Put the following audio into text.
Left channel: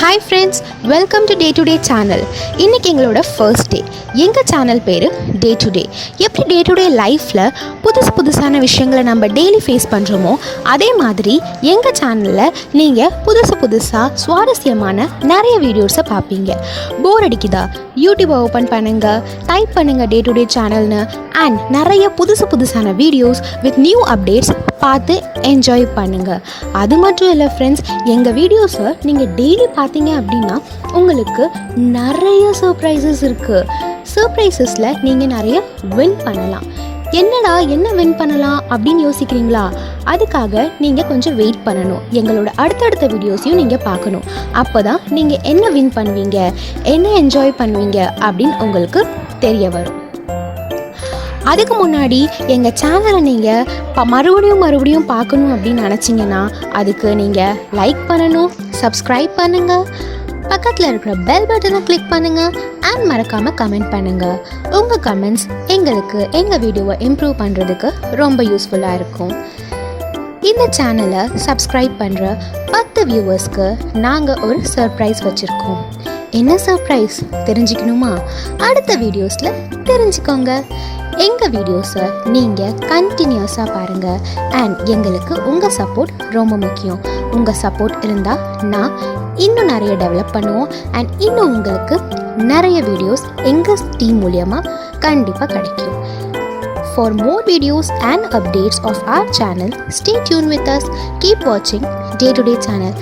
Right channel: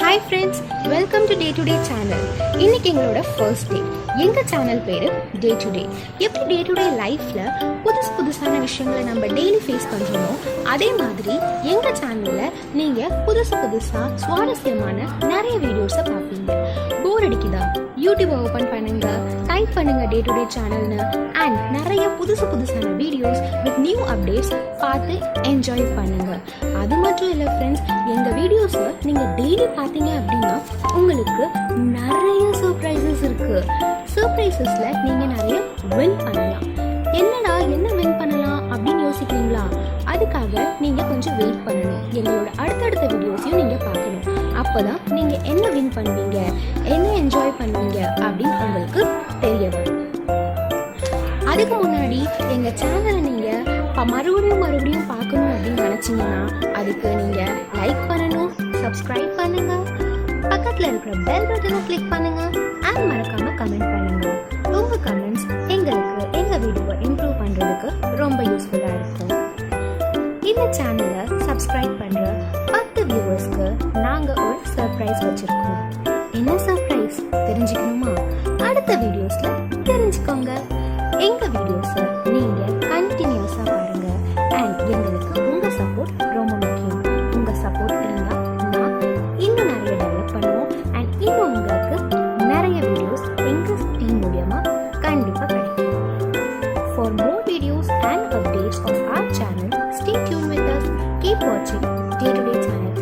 Hi friends, welcome to day to day channel. இன்றைக்கி எங்களோட first day. எங்கள் channel பேர் டே டு டே. எப்படி டே டு டே லைஃப்பில் புதுசான விஷயங்களை நம்ம டெய்லி ஃபேஸ் பண்ணுறோமோ அதே மாதிரி எங்கள் சேனலில் நீங்கள் புதுசாக சுவாரஸ்யமான நிறைய வீடியோஸை பார்ப்பீங்க. போர் அடிக்குதா? யூடியூப்பை ஓப்பன் பண்ணுங்கள், டைப் பண்ணுங்கள் டே டு டே சேனல்னு. அண்ட் நிறைய புதுசான வீடியோஸ் வித் நியூ அப்டேட்ஸ் பார்த்து என்ஜாய் பண்ணுங்கள். அது மட்டும் இல்லை ஃப்ரெண்ட்ஸ், எங்கள் வீடியோஸை நீங்கள் டெய்லி பார்த்தீங்க அப்படின்னா உங்களுக்கு நிறைய சர்ப்ரைசஸ் இருக்குது. சர்ப்ரைசஸில் நீங்கள் நிறைய வின் பண்ணலாம். என்ன வின் பண்ணலாம் அப்படின்னு யோசிக்கிறீங்களா? அதுக்காக நீங்கள் கொஞ்சம் வெயிட் பண்ணணும். எங்களோட அடுத்தடுத்த வீடியோஸையும் நீங்கள் பார்க்கணும். அப்போ தான் நீங்கள் என்ன வின் பண்ணுவீங்க, என்ன என்ஜாய் பண்ணுவீங்க அப்படின்னு உங்களுக்கு தெரிய வரும். அதுக்கு முன்னாடி எங்கள் சேனலை நீங்கள் மறுபடியும் பார்க்கணும் அப்படின்னு நினச்சிங்கன்னா அதுக்கு நீங்கள் லைக் பண்ணணும், சப்ஸ்கிரைப் பண்ணுங்கள், பக்கத்தில் இருக்கிற பெல் பட்டனை கிளிக் பண்ணுங்கள் அண்ட் மறக்காமல் கமெண்ட் பண்ணுங்கள். உங்கள் கமெண்ட்ஸ் எங்களுக்கு எங்கள் வீடியோவை இம்ப்ரூவ் பண்ணுறதுக்கு ரொம்ப யூஸ்ஃபுல்லாக இருக்கும். இந்த சேனலை சப்ஸ்கிரைப் பண்ணுற 10 வியூவர்ஸ்க்கு நாங்கள் ஒரு சர்ப்ரைஸ் வச்சுருக்கோம். என்ன சர்ப்ரைஸ் தெரிஞ்சுக்கணுமா? அடுத்த வீடியோஸில் தெரிஞ்சுக்கோங்க. எங்கள் வீடியோஸை நீங்கள் கண்டினியூஸாக பாருங்கள். அண்ட் எங்களுக்கு உங்கள் சப்போர்ட் ரொம்ப முக்கியம். உங்கள் சப்போர்ட் இருந்தால் நான் இன்னும் நிறைய டெவலப் பண்ணுவோம். அண்ட் இன்னும் உங்களுக்கு நிறைய வீடியோஸ் எங்கள் டீம் மூலியமாக கண்டிப்பாக கிடைக்கும். For more videos and updates of our channel, stay tuned with us. Keep watching Day to Day channel.